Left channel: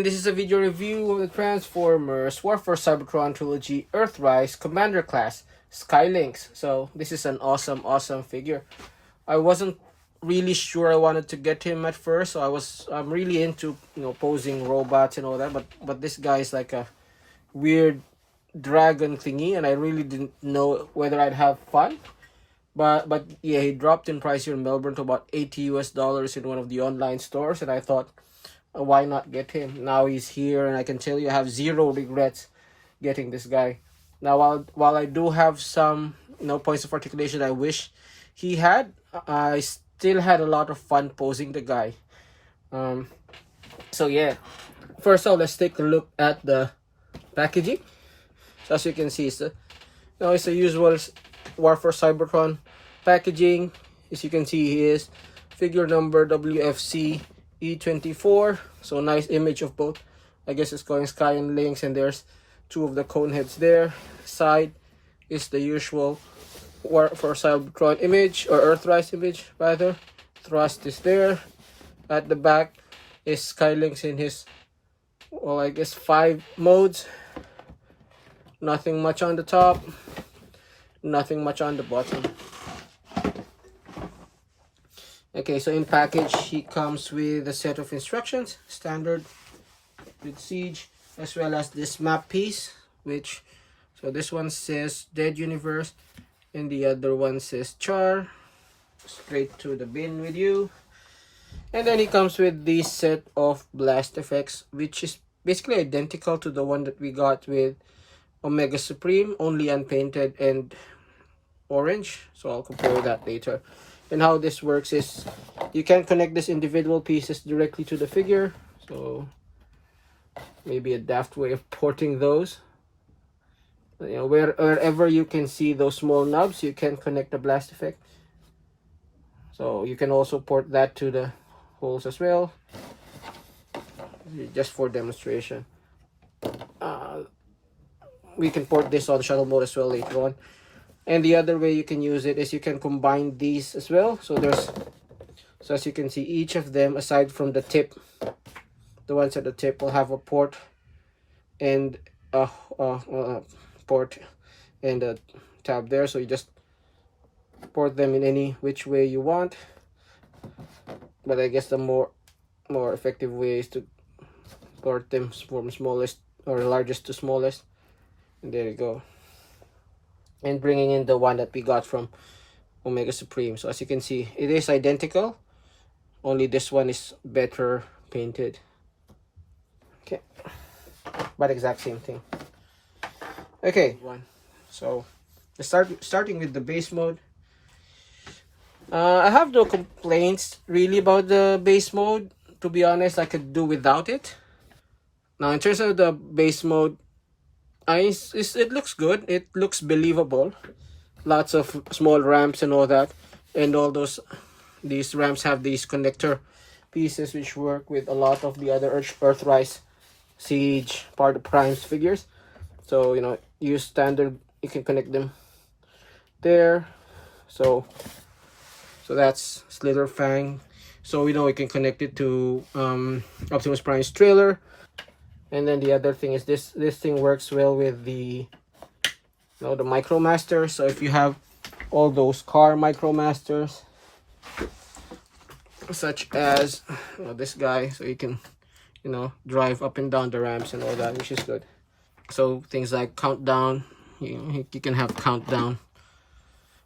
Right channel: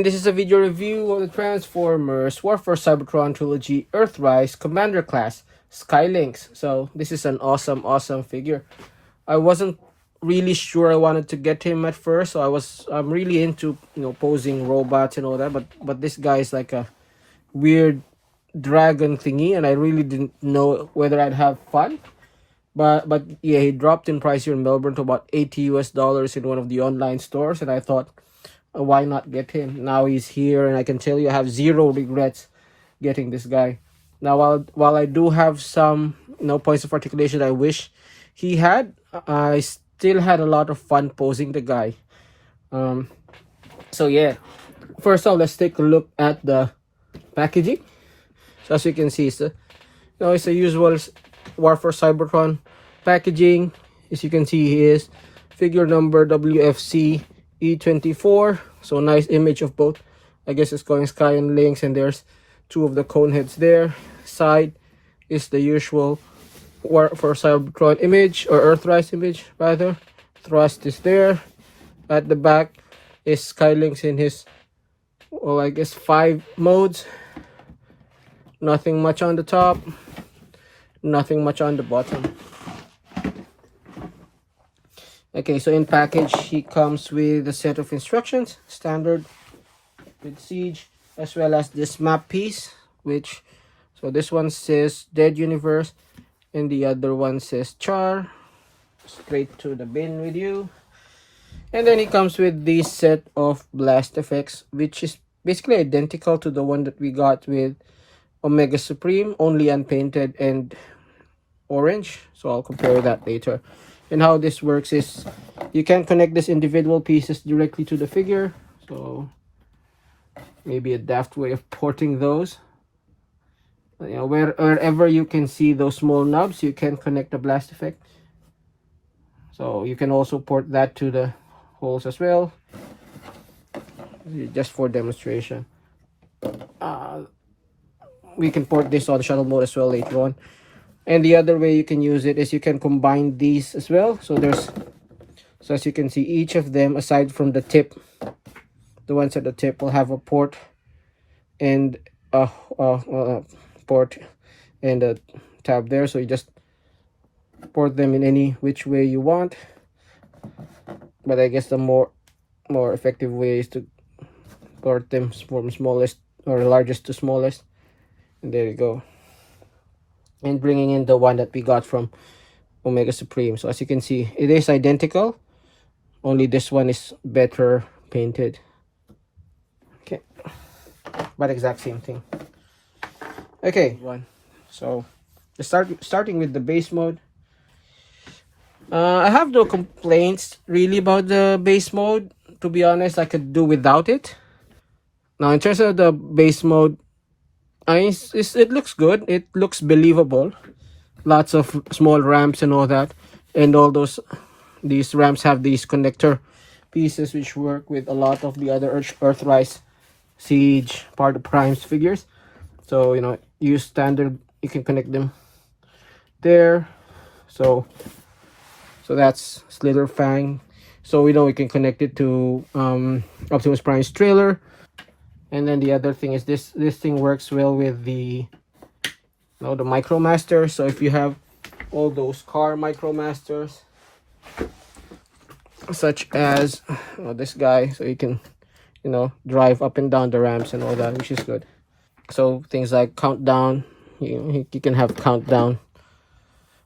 And this is a video review of the Transformers Warfare Cybertron Trilogy Earthrise Commander Class Lynx. So this is an awesome figure. I wasn't really sure I wanted to get him at first, so I'm really into posing robots and all that, but this guy is like a weird dragon thingy, and I really didn't know whether I'd have fun. But yeah, he dropped in price here in Melbourne to about $80 in one of the online stores, and I thought, why not get him? Now he's here, and I can tell you I have zero regrets getting this guy. Now, while I do have some points of articulation I wish he had, I still had a lot of fun posing the guy. So yeah, first off, let's take a look at the packaging. So as you can see, it's the usual Warfare Cybertron packaging. As you can see, he is figure number WFC E24. So nice image of both. I guess it's going Sky and Lynx, and there's two of the cone heads there. Side is the usual Warfare Cybertron image, or Earthrise image rather. Thrust is there. At the back is Sky Lynx in his, well, I guess 5 modes. Nothing much on the top, nothing much on the bottom. Okay, so in package he comes with a set of instructions, standard with Siege, as well as this map piece, which, so this one says Dead Universe and the other one says Char. Straight to the bin with you. And then it comes with this set of blast effects, which is basically identical to the one that we got with Omega Supreme, only unpainted and orange. So I'll compare that later. And how this works is you can connect these individual pieces directly to the figure. So maybe a daft way of porting those. Wherever you can see those small knobs, you can connect the blast effect. So you can also port that to the holes as well, just for demonstration. We can port this on shuttle mode as well later on. And the other way you can use it is you can combine these as well. So as you can see, each of them, aside from the tip, the ones at the tip will have a port and a port and a tab there. So you just port them in any which way you want. But I guess the more effective way is to port them from smallest or largest to smallest. And there you go. And bringing in the one that we got from Omega Supreme. So as you can see, it is identical, only this one is better painted. Okay, but exact same thing. Okay, so starting with the base mode. I have no complaints really about the base mode. To be honest, I could do without it. Now in terms of the base mode, it looks good. It looks believable. Lots of small ramps and all that, and all these ramps have these connector pieces which work with a lot of the other Earthrise, Siege, part of Prime's figures. So use standard, you can connect them there. So that's Slither Fang. So we can connect it to Optimus Prime's trailer. And then the other thing is this thing works well with the the Micromaster. So if you have all those car Micromasters, such as this guy, so you can drive up and down the ramps and all that, which is good. So things like Countdown, you can have Countdown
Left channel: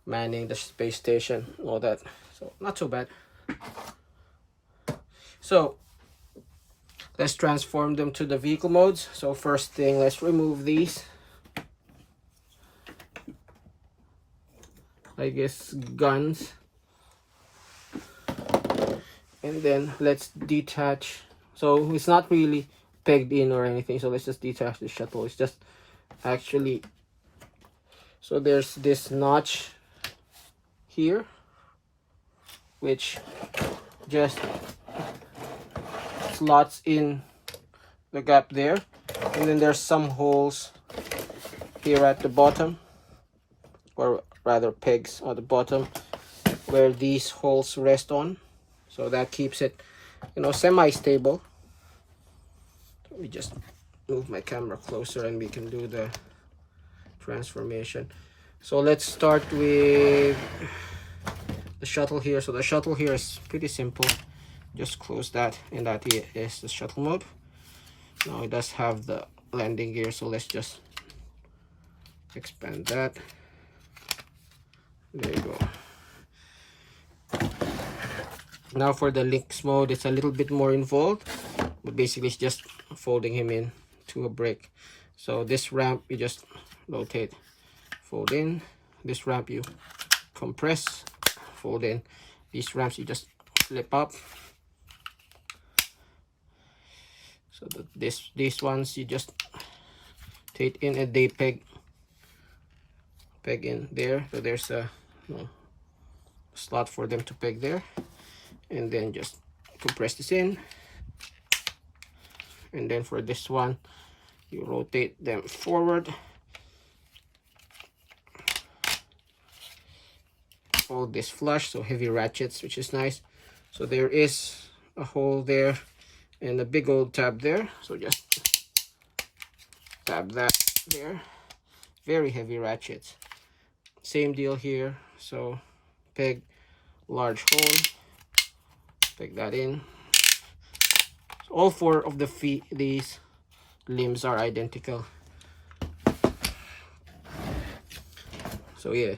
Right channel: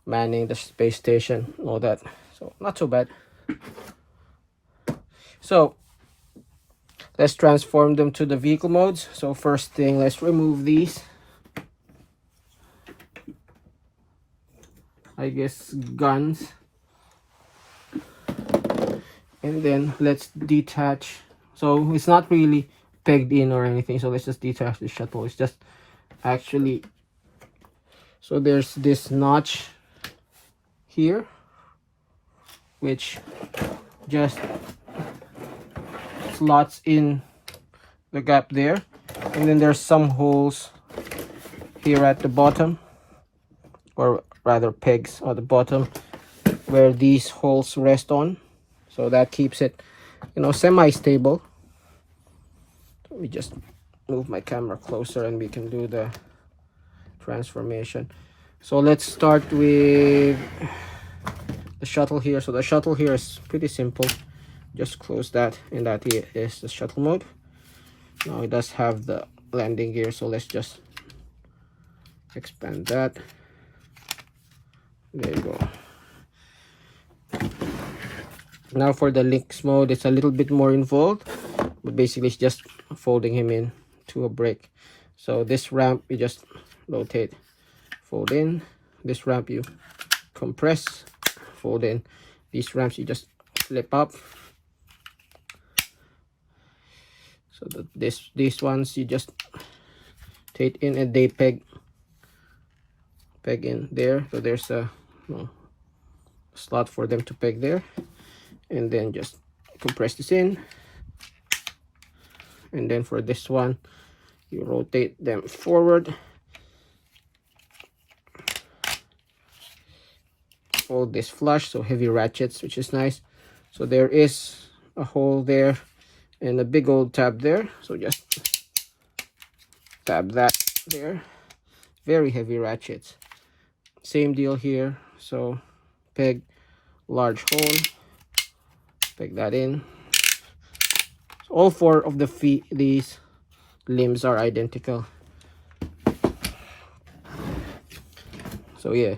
manning the space station, all that. So not so bad. So let's transform them to the vehicle modes. So first thing, let's remove these, I guess, guns. And then let's detach. So it's not really pegged in or anything. So let's just detach the shuttle. It's just actually, so there's this notch here, which just slots in the gap there, and then there's some holes here at the bottom, or rather pegs at the bottom where these holes rest on, so that keeps it semi-stable. Let me just move my camera closer and we can do the transformation. So let's start with the shuttle here. So the shuttle here is pretty simple. Just close that, and that here is the shuttle mode. Now it does have the landing gear, so let's just expand that. There you go. Now for the Lynx mode, it's a little bit more involved, but basically it's just folding him in to a brick. So this ramp you just rotate, fold in. This ramp you compress, fold in. These ramps you just flip up. So these ones you just take in and they peg in there. So there's a slot for them to peg there, and then just compress this in. And then for this one you rotate them forward, all this flush, so heavy ratchets, which is nice. So there is a hole there and a big old tab there, so just tab that there. Very heavy ratchets. Same deal here, so peg large hole, peg that in. All four of the feet, these limbs are identical. So yeah,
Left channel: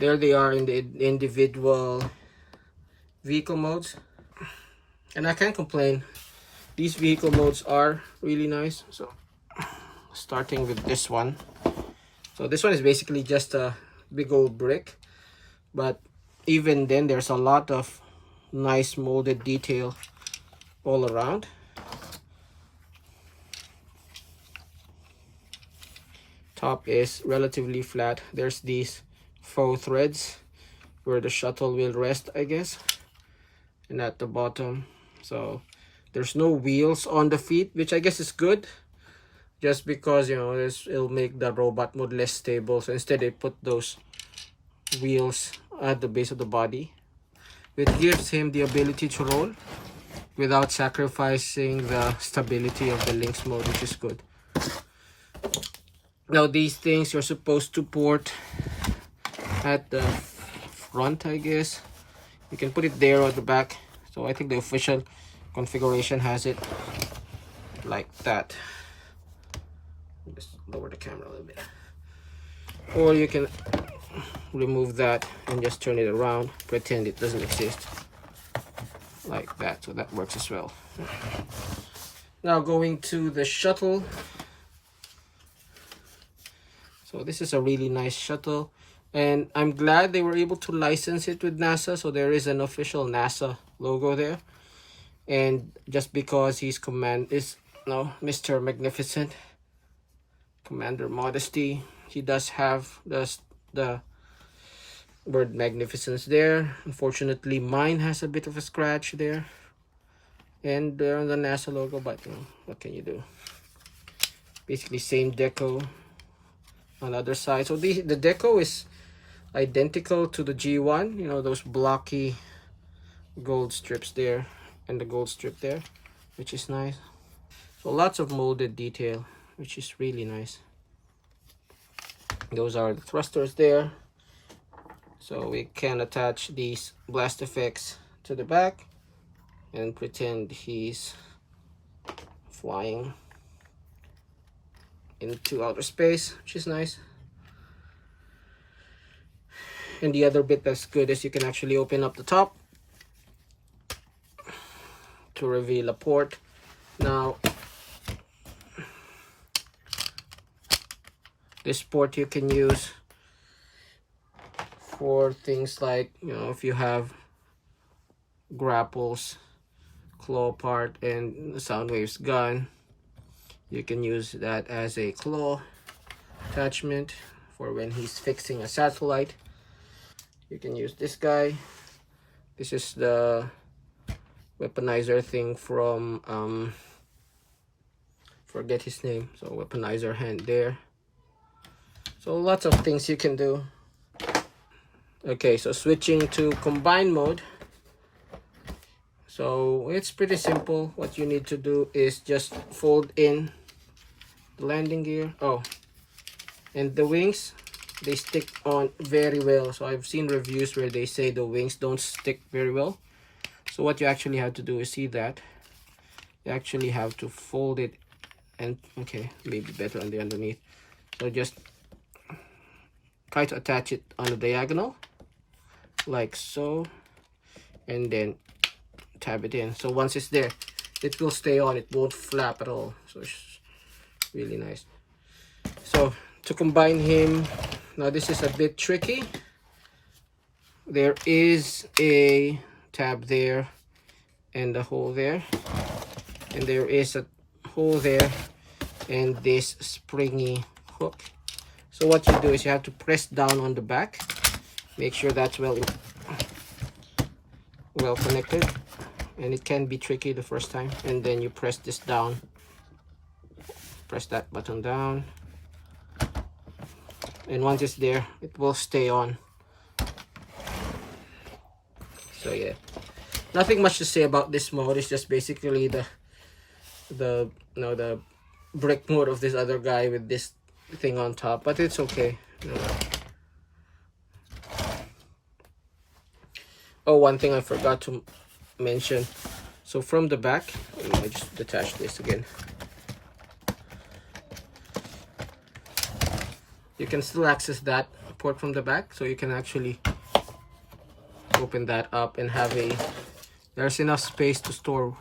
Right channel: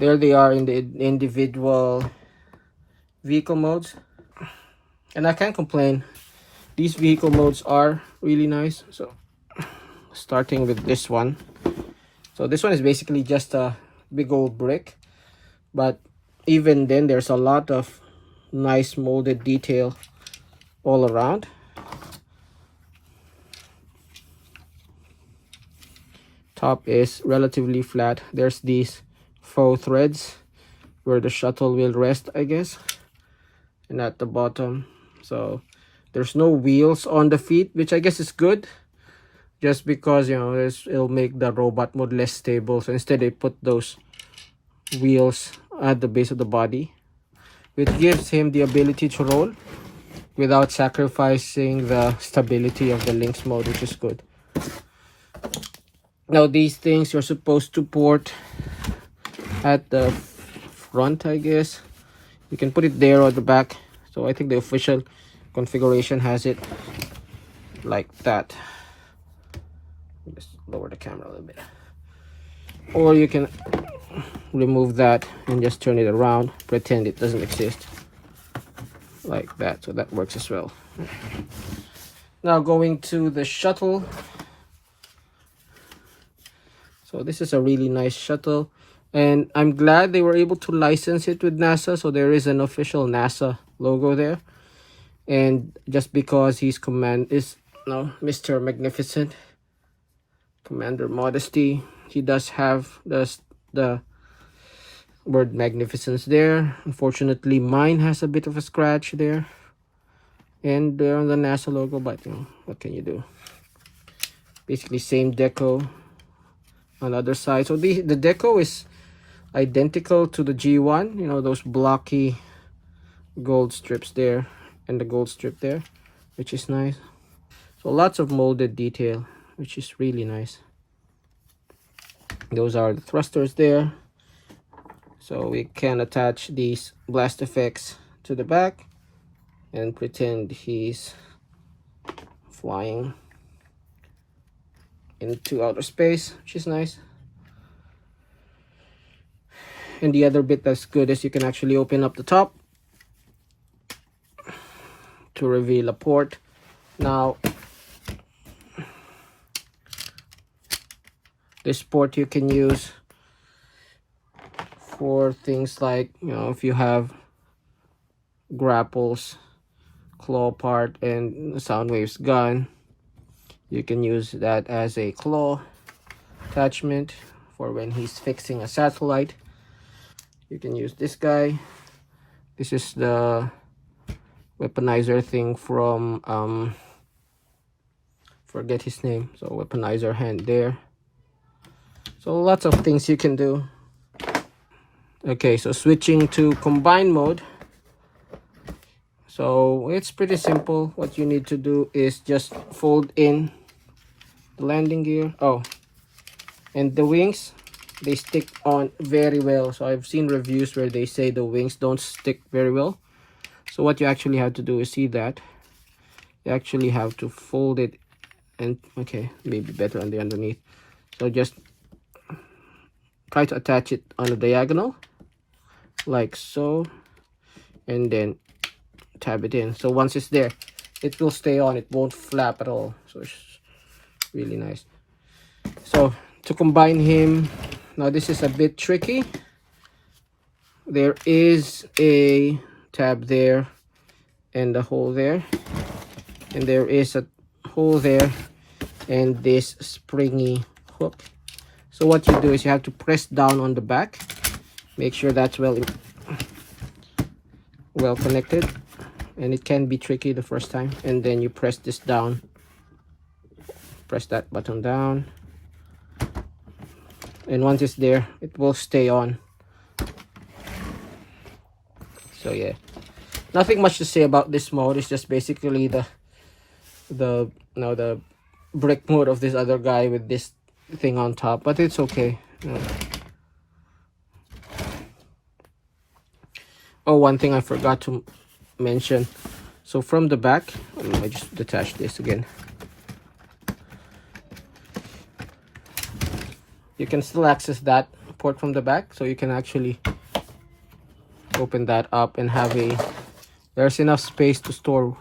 there they are in the individual vehicle modes, and I can't complain. These vehicle modes are really nice. So starting with this one, so this one is basically just a big old brick, but even then there's a lot of nice molded detail all around. Top is relatively flat. There's these faux threads where the shuttle will rest, I guess, and at the bottom, so there's no wheels on the feet, which I guess is good, just because, you know, it'll make the robot mode less stable. So instead they put those wheels at the base of the body, which gives him the ability to roll without sacrificing the stability of the Lynx mode, which is good. Now these things you're supposed to port at the front, I guess. You can put it there or the back. So I think the official configuration has it like that. Just lower the camera a little bit. Or you can remove that and just turn it around, pretend it doesn't exist, like that. So that works as well. Now going to the shuttle. So this is a really nice shuttle, and I'm glad they were able to license it with NASA. So there is an official NASA logo there, and just because he's Mr. Magnificent, Commander Modesty, he does have the word magnificence there. Unfortunately, mine has a bit of a scratch there, and they're on the NASA logo, but you know, what can you do? Basically same deco on the other side. So the deco is identical to the G1, you know, those blocky gold strips there and the gold strip there, which is nice. So lots of molded detail, which is really nice. Those are the thrusters there, so we can attach these blast effects to the back and pretend he's flying into outer space, which is nice. And the other bit that's good is you can actually open up the top to reveal a port. Now this port you can use for things like, you know, if you have grapples, claw part, and Soundwave's gun, you can use that as a claw attachment for when he's fixing a satellite. You can use this guy. This is the weaponizer thing from forget his name, so weaponizer hand there. So lots of things you can do. Okay, so switching to combine mode. So it's pretty simple. What you need to do is just fold in the landing gear. Oh, and the wings, they stick on very well. So I've seen reviews where they say the wings don't stick very well. So what you actually have to do is, see that you actually have to fold it, and okay, maybe better on the underneath. So just try to attach it on the diagonal like so, and then tab it in. So once it's there, it will stay on, it won't flap at all. So it's really nice. So to combine him, now this is a bit tricky. There is a tab there and a hole there, and there is a hole there and this springy hook. So what you do is you have to press down on the back, make sure that's well connected, and it can be tricky the first time. And then you press this down, press that button down, and once it's there, it will stay on. So yeah, nothing much to say about this mode. It's just basically the brick mode of this other guy with this thing on top, but it's okay. Oh, one thing I forgot to mention. So from the back, I just detach this again. You can still access that port from the back, so you can actually open that up and have there's enough space to store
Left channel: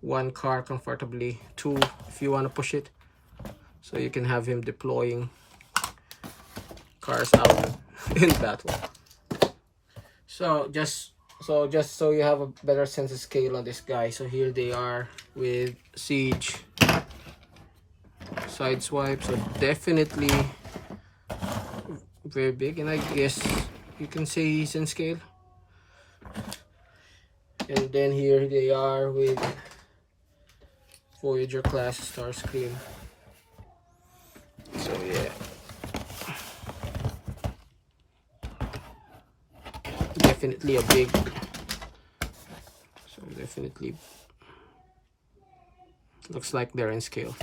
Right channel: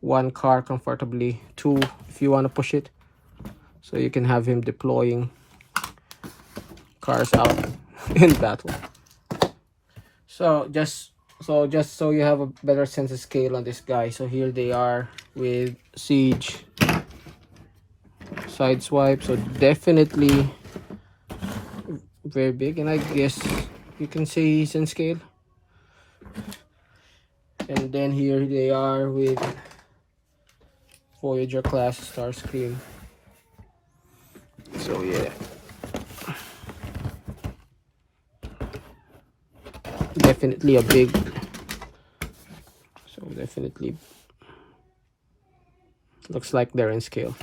one car comfortably, two if you want to push it. So you can have him deploying cars out in battle. So just so you have a better sense of scale on this guy. So here they are with Siege side swipe. So definitely very big, and I guess you can say he's in scale. And then here they are with Voyager class Starscream. So yeah, definitely a big, so definitely looks like they're in scale.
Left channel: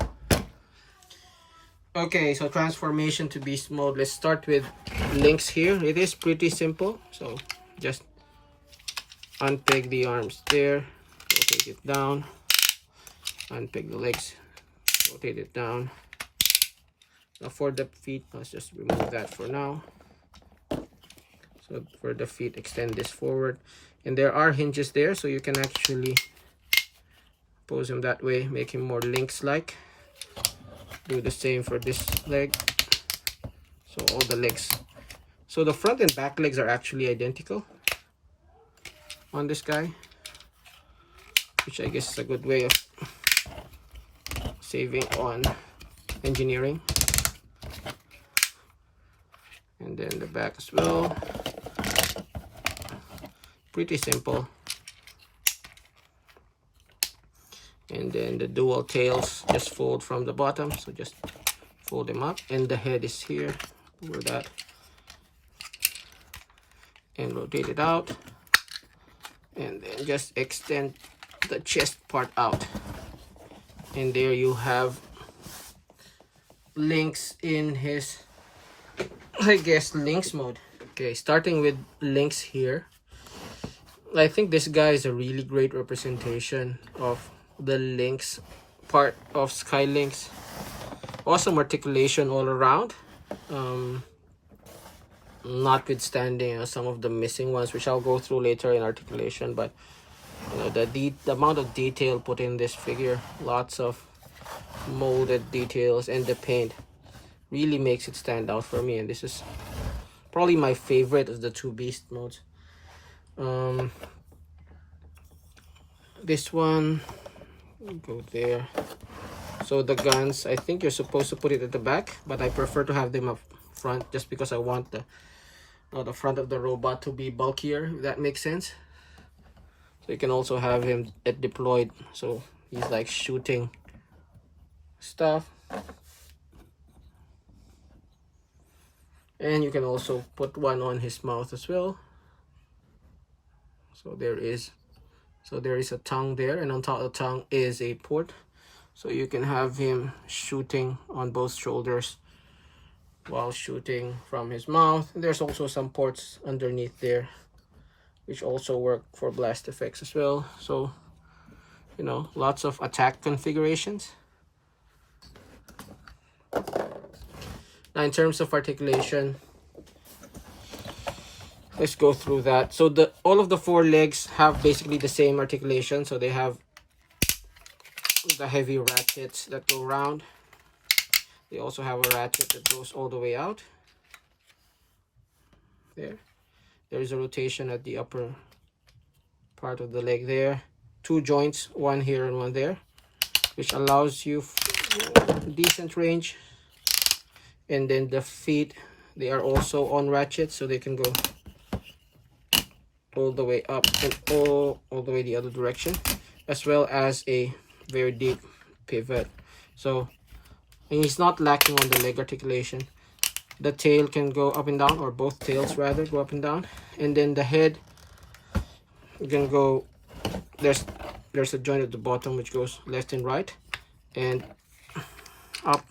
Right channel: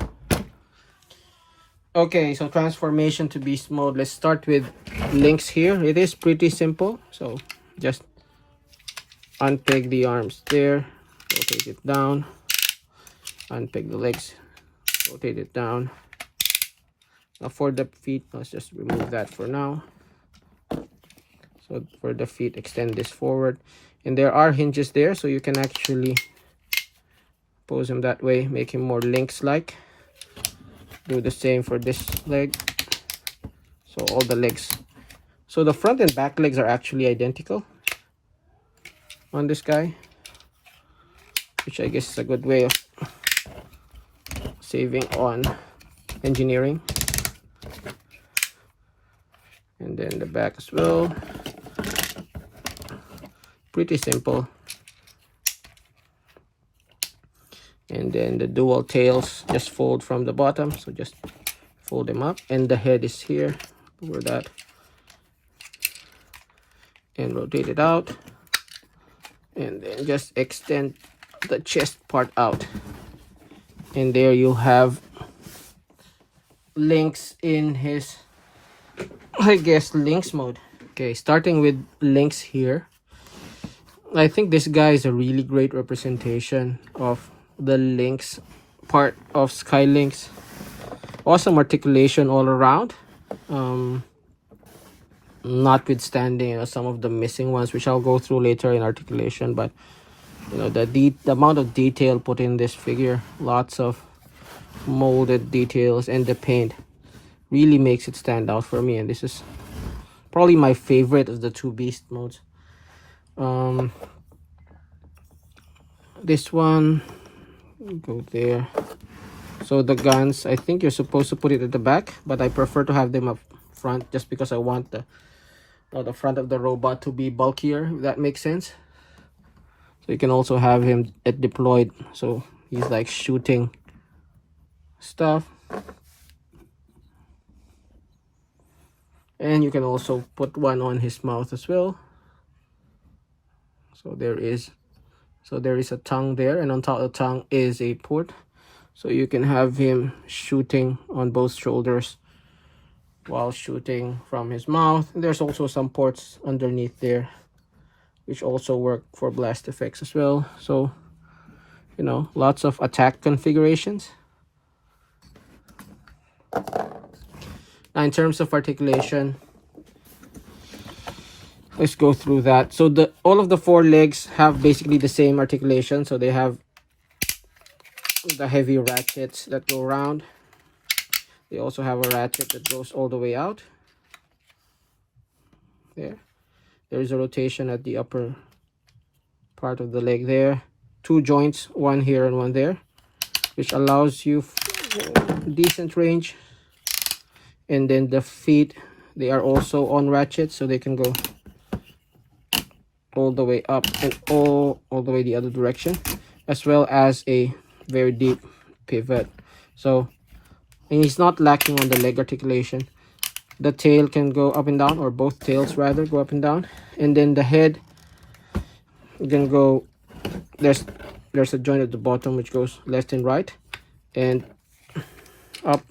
Okay, so transformation to beast mode. Let's start with Lynx here. It is pretty simple. So just unpeg the arms there, rotate it down, unpeg the legs, rotate it down. Now for the feet, let's just remove that for now. So for the feet, extend this forward, and there are hinges there, so you can actually pose him that way, make him more Lynx-like. Do the same for this leg. So all the legs, so the front and back legs are actually identical on this guy, which I guess is a good way of saving on engineering. And then the back as well, pretty simple. And then the dual tails just fold from the bottom, so just fold them up, and the head is here over that, and rotate it out, and then just extend the chest part out, and there you have Lynx in his, I guess, Lynx mode. Okay, starting with Lynx here, I think this guy is a really great representation of the Lynx part of Sky Lynx. Awesome articulation all around, notwithstanding some of the missing ones, which I'll go through later in articulation. But you know, the amount of detail put in this figure, lots of molded details, and the paint really makes it stand out for me. And this is probably my favorite of the two beast modes. This one, go there. So the guns, I think you're supposed to put it at the back, but I prefer to have them up front, just because I want the front of the robot to be bulkier, if that makes sense. So you can also have him deployed, so he's like shooting stuff. And you can also put one on his mouth as well. So there is So there is a tongue there, and on top of the tongue is a port. So you can have him shooting on both shoulders while shooting from his mouth. There's also some ports underneath there, which also work for blast effects as well. So, you know, lots of attack configurations. Now, in terms of articulation, let's go through that. So all of the 4 legs have basically the same articulation. So they have the heavy ratchets that go around. They also have a ratchet that goes all the way out. There is a rotation at the upper part of the leg there. 2 joints, one here and one there, which allows you decent range. And then the feet, they are also on ratchets, so they can go all the way up and all the way the other direction, as well as a very deep pivot. So, and he's not lacking on the leg articulation. The tail can go up and down, or both tails rather go up and down. And then the head, you can go, there's a joint at the bottom which goes left and right, and up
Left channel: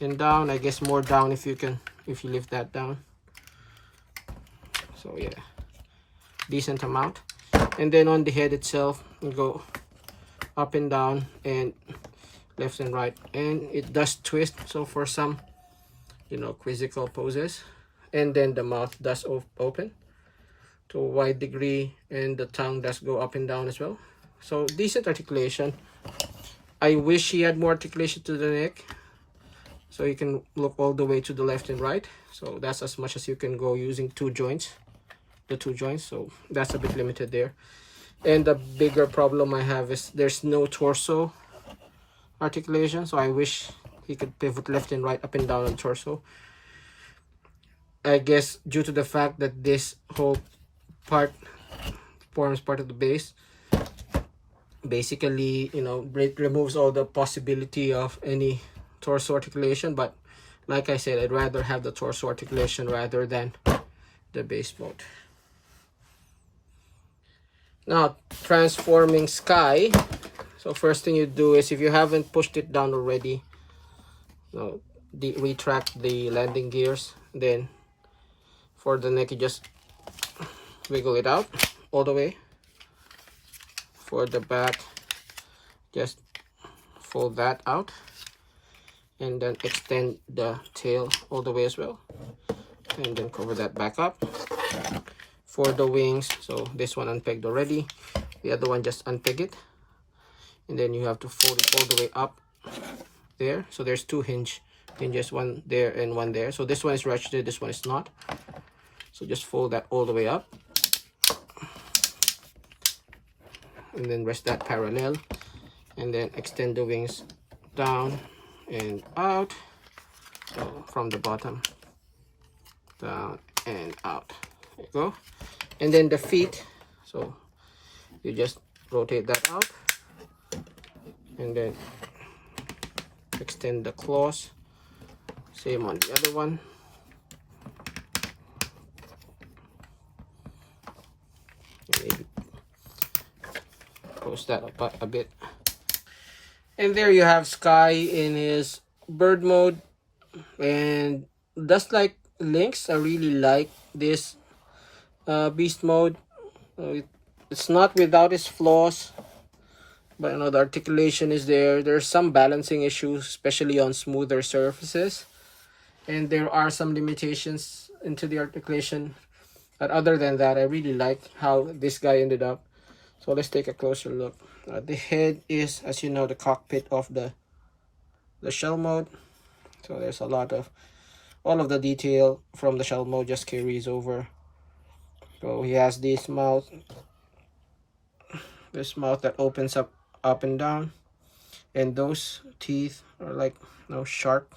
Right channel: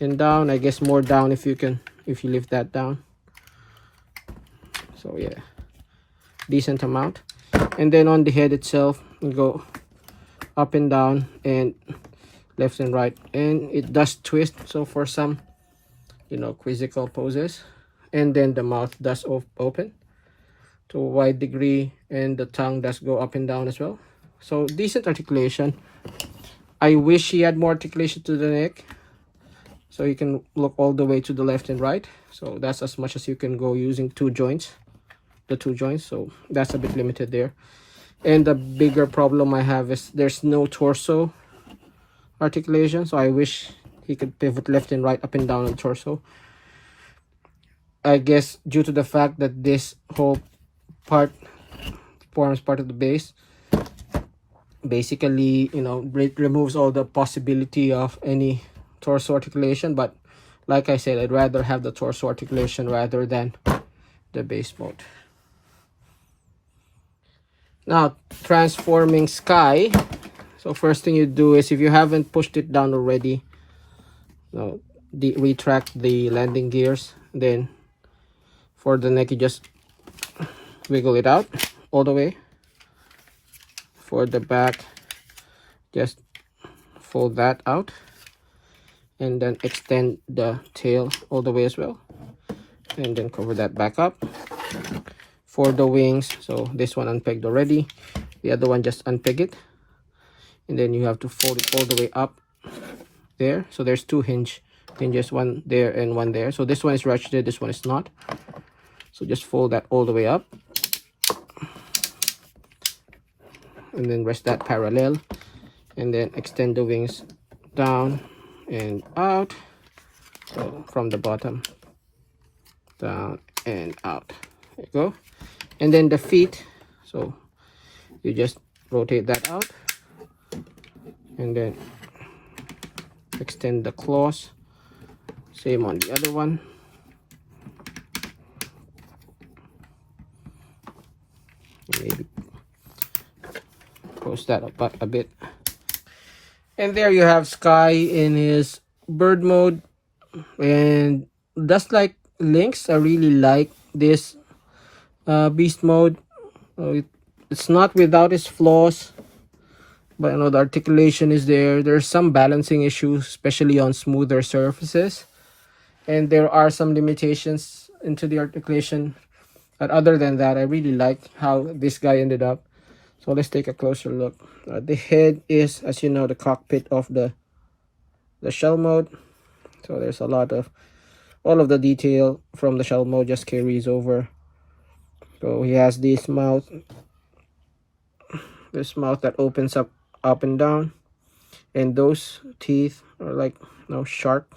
and down. I guess more down if you lift that down. So yeah, decent amount. And then on the head itself, you go up and down and left and right, and it does twist, so for some, you know, quizzical poses. And then the mouth does open to a wide degree, and the tongue does go up and down as well. So decent articulation. I wish he had more articulation to the neck, so you can look all the way to the left and right. So that's as much as you can go using 2 joints, the 2 joints. So that's a bit limited there. And the bigger problem I have is there's no torso articulation. So I wish he could pivot left and right, up and down on the torso. I guess due to the fact that this whole part forms part of the base, basically, you know, it removes all the possibility of any torso articulation. But like I said, I'd rather have the torso articulation rather than the base mode. Now, transforming Sky. So first thing you do is, if you haven't pushed it down already, you know, retract the landing gears. Then for the neck, you just wiggle it out all the way. For the back, just fold that out, and then extend the tail all the way as well, and then cover that back up. For the wings, so this one unpegged already, the other one just unpeg it, and then you have to fold it all the way up there. So there's 2 hinges, one there and one there. So this one is ratcheted, this one is not. So just fold that all the way up, and then rest that parallel, and then extend the wings down and out. So from the bottom down and out, there you go. And then the feet, so you just rotate that out, and then extend the claws. Same on the other one. Maybe close that up a bit. And there you have Sky in his bird mode. And just like Lynx, I really like this beast mode. It's not without its flaws, but you know, the articulation is there. There's some balancing issues, especially on smoother surfaces, and there are some limitations into the articulation. But other than that, I really like how this guy ended up. So let's take a closer look. The head is, as you know, the cockpit of the shell mode. So there's a lot of, all of the detail from the shell mode just carries over. So he has this mouth that opens up and down, and those teeth are like, you know, shark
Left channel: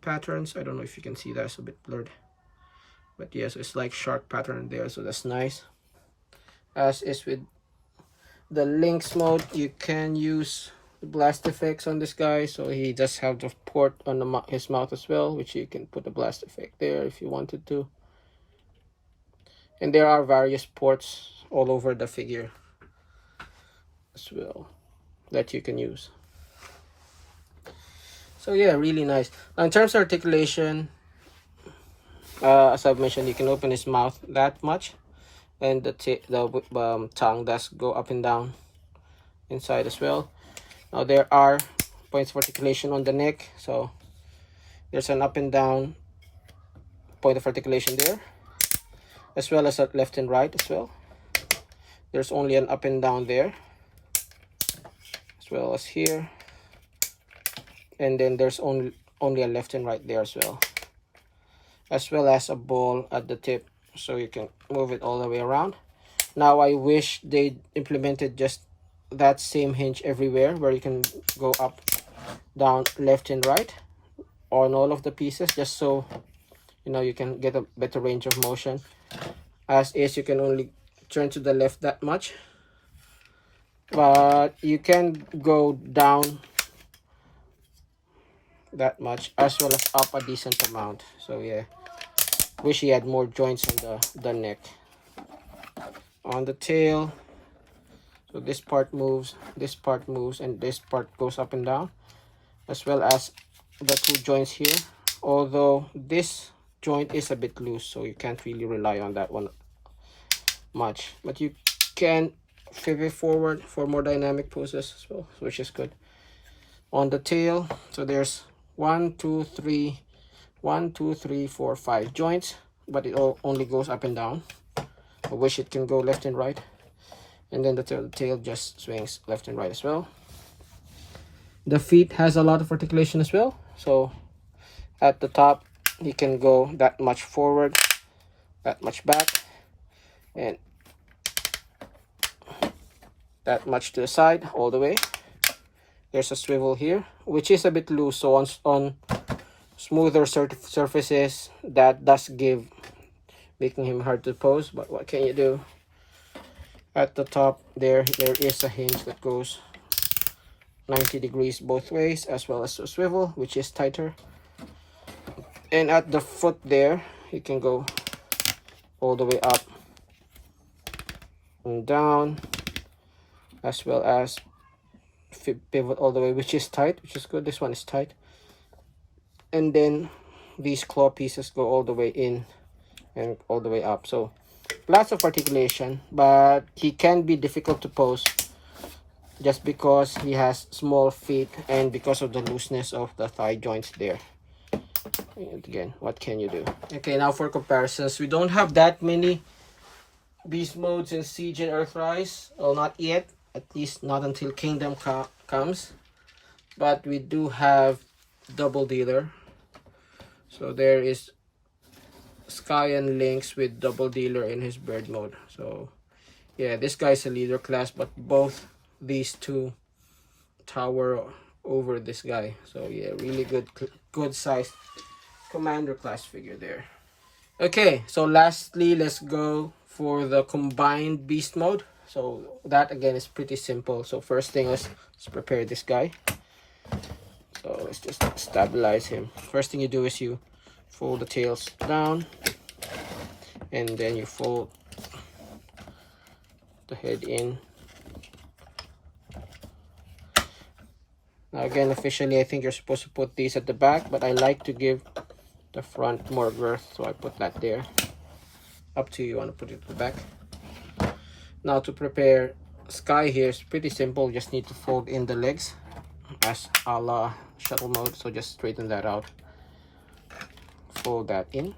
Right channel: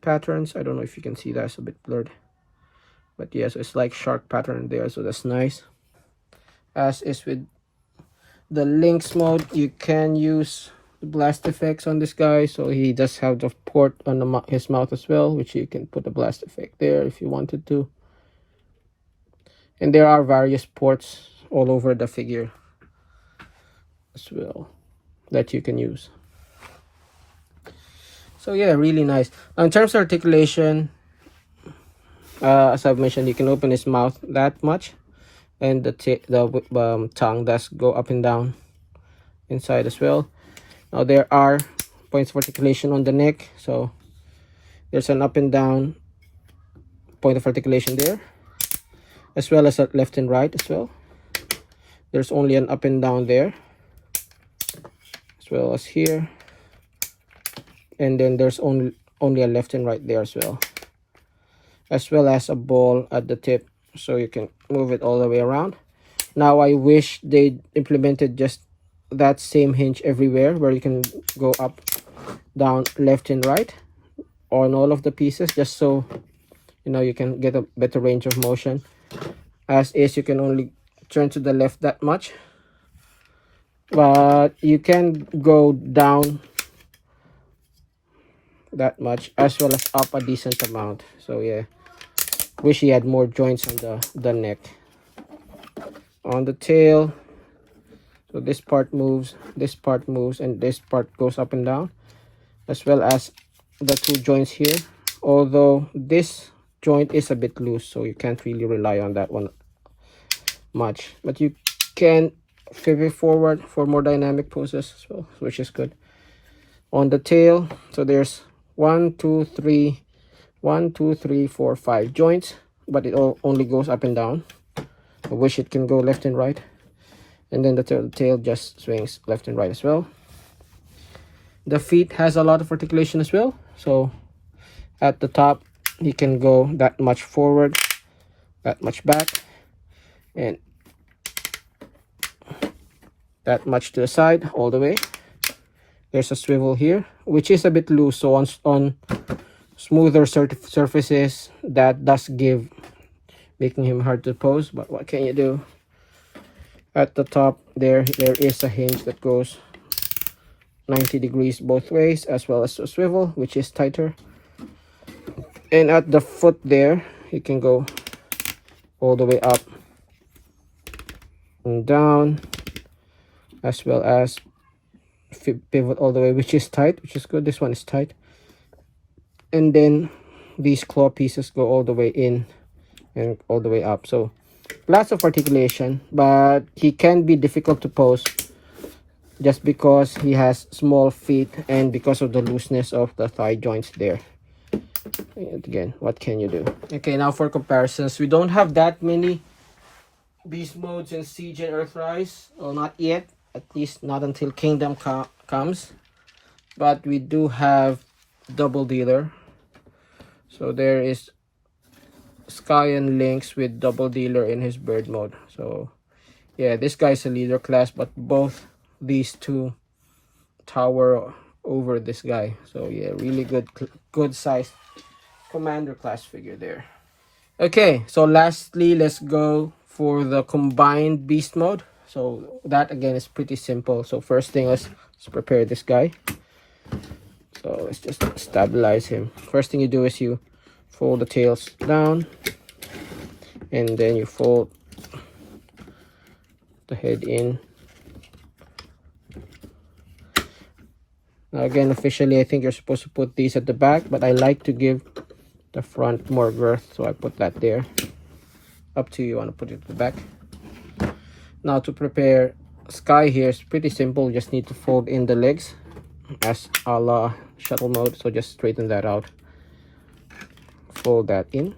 patterns. I don't know if you can see that, it's a bit blurred, but yes, it's like shark pattern there, so that's nice. As is with the Lynx mode, you can use blast effects on this guy. So he does have the port on his mouth as well, which you can put a blast effect there if you wanted to. And there are various ports all over the figure. as well that you can use. So yeah, really nice. In terms of articulation, as I've mentioned, you can open his mouth that much, and the tongue does go up and down inside as well. Now there are points of articulation on the neck, so there's an up and down point of articulation there, as well as a left and right as well. There's only an up and down there, as well as here, and then there's only a left and right there as well as a ball at the tip, so you can move it all the way around. Now I wish they implemented just that same hinge everywhere, where you can go up, down, left and right on all of the pieces, just so you know you can get a better range of motion. As is, you can only turn to the left that much, but you can go down that much as well as up a decent amount. So yeah, wish he had more joints on the neck. On the tail, so this part moves, and this part goes up and down, as well as the two joints here, although this joint is a bit loose, so you can't really rely on that one much, but you can flip it forward for more dynamic poses as well, which is good. On the tail, so there's 1 2 3 4 5 joints, but it only goes up and down. I wish it can go left and right, and then the tail just swings left and right as well. The feet has a lot of articulation as well, so at the top you can go that much forward, that much back, and that much to the side all the way. There's a swivel here, which is a bit loose, so on smoother surfaces that does give, making him hard to pose, but what can you do? At the top there is a hinge that goes 90 degrees both ways, as well as a swivel, which is tighter. And at the foot there, you can go all the way up and down, as well as pivot all the way, which is tight, which is good. This one is tight. And then these claw pieces go all the way in and all the way up. So lots of articulation, but he can be difficult to pose just because he has small feet and because of the looseness of the thigh joints there. And again, what can you do? Okay, now for comparisons, we don't have that many beast modes in Siege and Earthrise. Well, not yet, at least not until Kingdom comes, but we do have Double Dealer. So there is Sky and Lynx with Double Dealer in his bird mode. So yeah, this guy's a leader class, but both these two tower over this guy. So yeah, really good sized commander class figure there. Okay, so lastly, let's go for the combined beast mode. So that again is pretty simple. So first thing, let's prepare this guy. So let's just stabilize him. First thing you do is you fold the tails down, and then you fold the head in. Now again, officially I think you're supposed to put these at the back, but I like to give the front more girth, so I put that there. Up to you, want to put it at the back. Now to prepare Sky here is pretty simple. Just need to fold in the legs as a la shuttle mode, so just straighten that out, fold that in.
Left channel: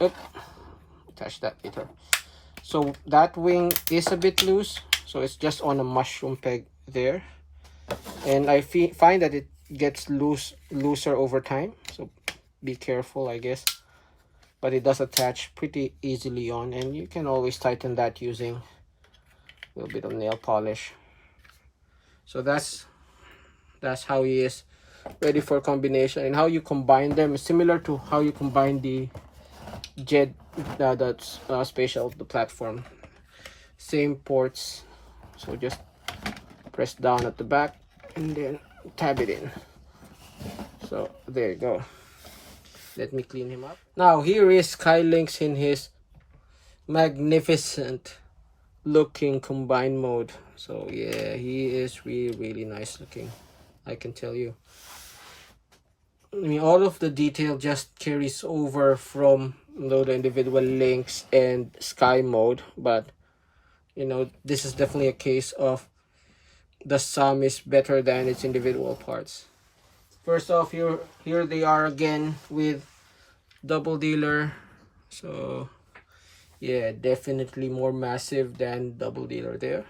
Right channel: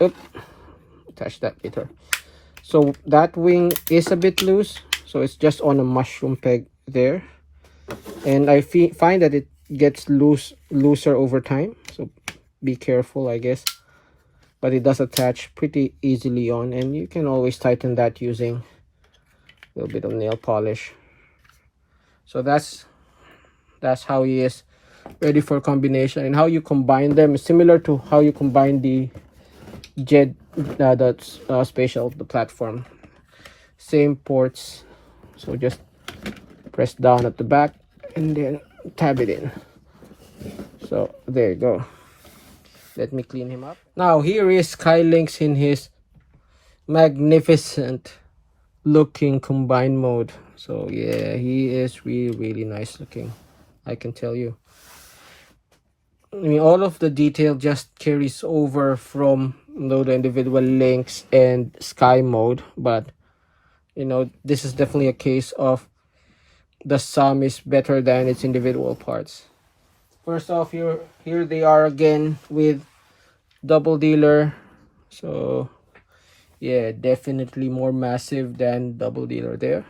Oop, attach that later. So that wing is a bit loose, so it's just on a mushroom peg there, and I find that it gets looser over time, so be careful, I guess. But it does attach pretty easily on, and you can always tighten that using a little bit of nail polish. So that's how he is ready for combination. And how you combine them is similar to how you combine the jet, spatial, the platform. Same ports, so just press down at the back and then tab it in. So there you go. Let me clean him up. Now here is Sky Lynx in his magnificent looking combined mode. So yeah, he is really nice looking, I can tell you. I mean, all of the detail just carries over from, you know, the individual Lynx and Sky mode, but you know, this is definitely a case of the sum is better than its individual parts. First off, here they are again with double dealer. So yeah, definitely more massive than double dealer there.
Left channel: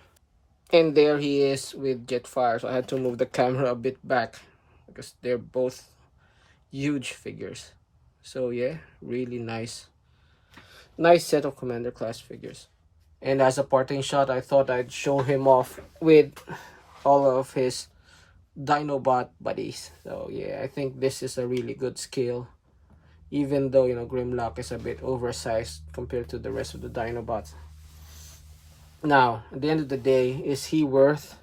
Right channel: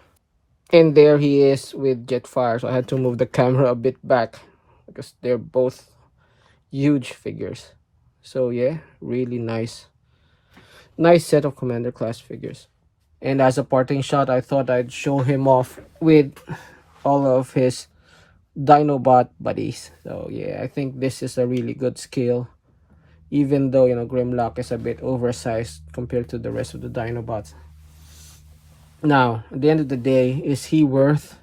And there he is with Jetfire. So I had to move the camera a bit back because they're both huge figures. So yeah, really nice set of Commander class figures. And as a parting shot, I thought I'd show him off with all of his Dinobot buddies. So yeah, I think this is a really good scale, even though, you know, Grimlock is a bit oversized compared to the rest of the Dinobots. Now, at the end of the day, is he worth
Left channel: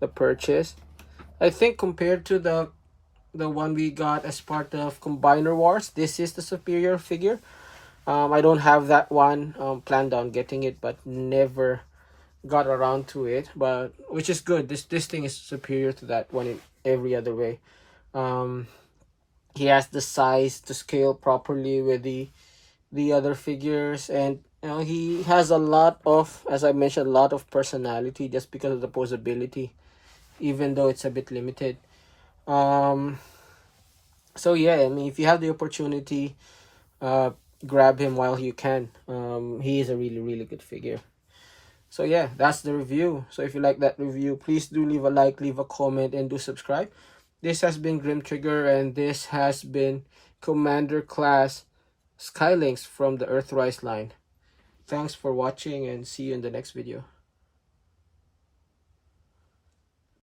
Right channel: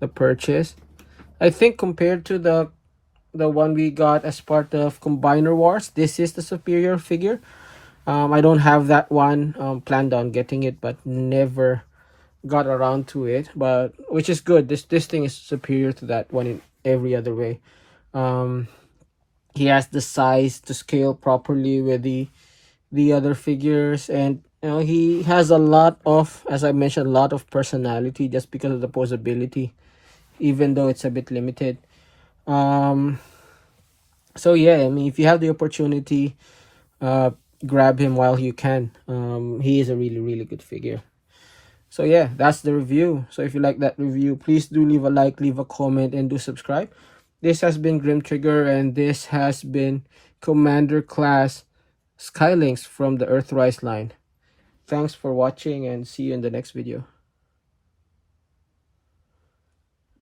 the purchase? I think compared to the one we got as part of Combiner Wars, this is the superior figure. I don't have that one, planned on getting it, but never got around to it, but which is good. This thing is superior to that one in every other way. He has the size to scale properly with the other figures, and you know, he has a lot of, as I mentioned, a lot of personality just because of the posability, even though it's a bit limited. So yeah, I mean, if you have the opportunity, grab him while you can. He is a really good figure. So yeah, that's the review. So if you like that review, please do leave a like, leave a comment, and do subscribe. This has been Grimtrigger, and this has been Commander Class Skylynx from the Earthrise line. Thanks for watching, and see you in the next video.